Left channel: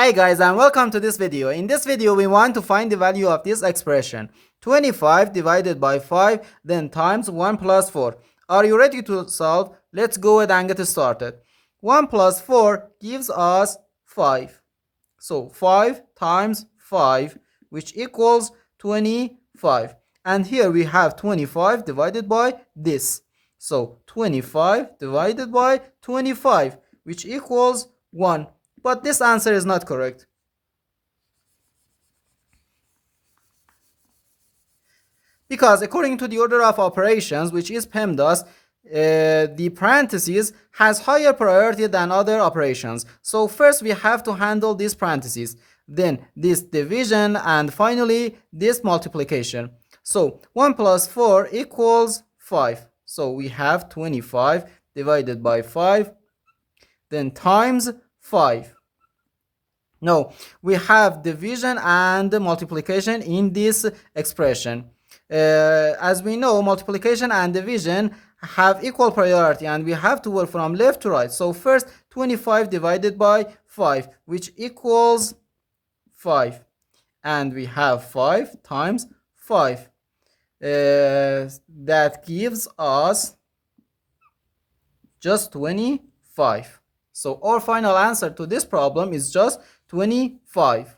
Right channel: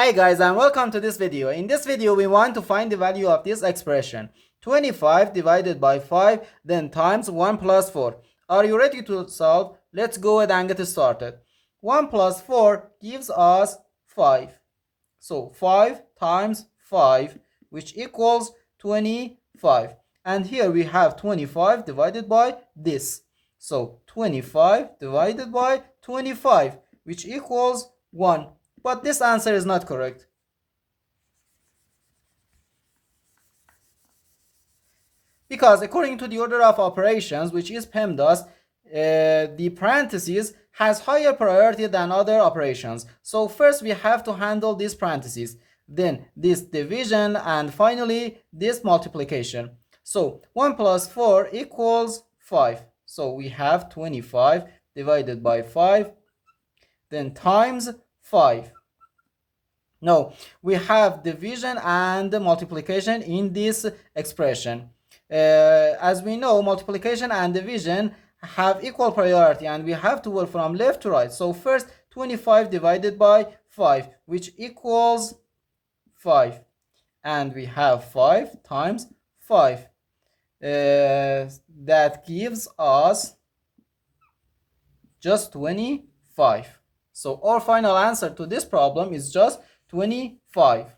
Hi guys, and welcome to this video. In this video we want to find the value of this expression 25 divided by 5 then times 1 plus 4. Are you ready to solve? Let's go ahead and get started. 1 plus 4 gives us 5. So 5 times 5, which equals 25. And here we have 25 divided by this. So 25 divided by 25, which equals 1. But this answer is not correct. Because according to the order of operations, which is PEMDAS, the parentheses has higher priority than other operations. So first we have to handle these parentheses, then this division, and finally this multiplication. So 1 plus 4 equals 5. So we have 25 divided by 5, then times 5. No, we have division and multiplication in this expression. As we know, multiplication and division have equal priority and we have to work from left to right. So first 25 divided by 5, which equals 5. And we have 5 times 5. That gives us just 25. So our final answer to this problem is just 25.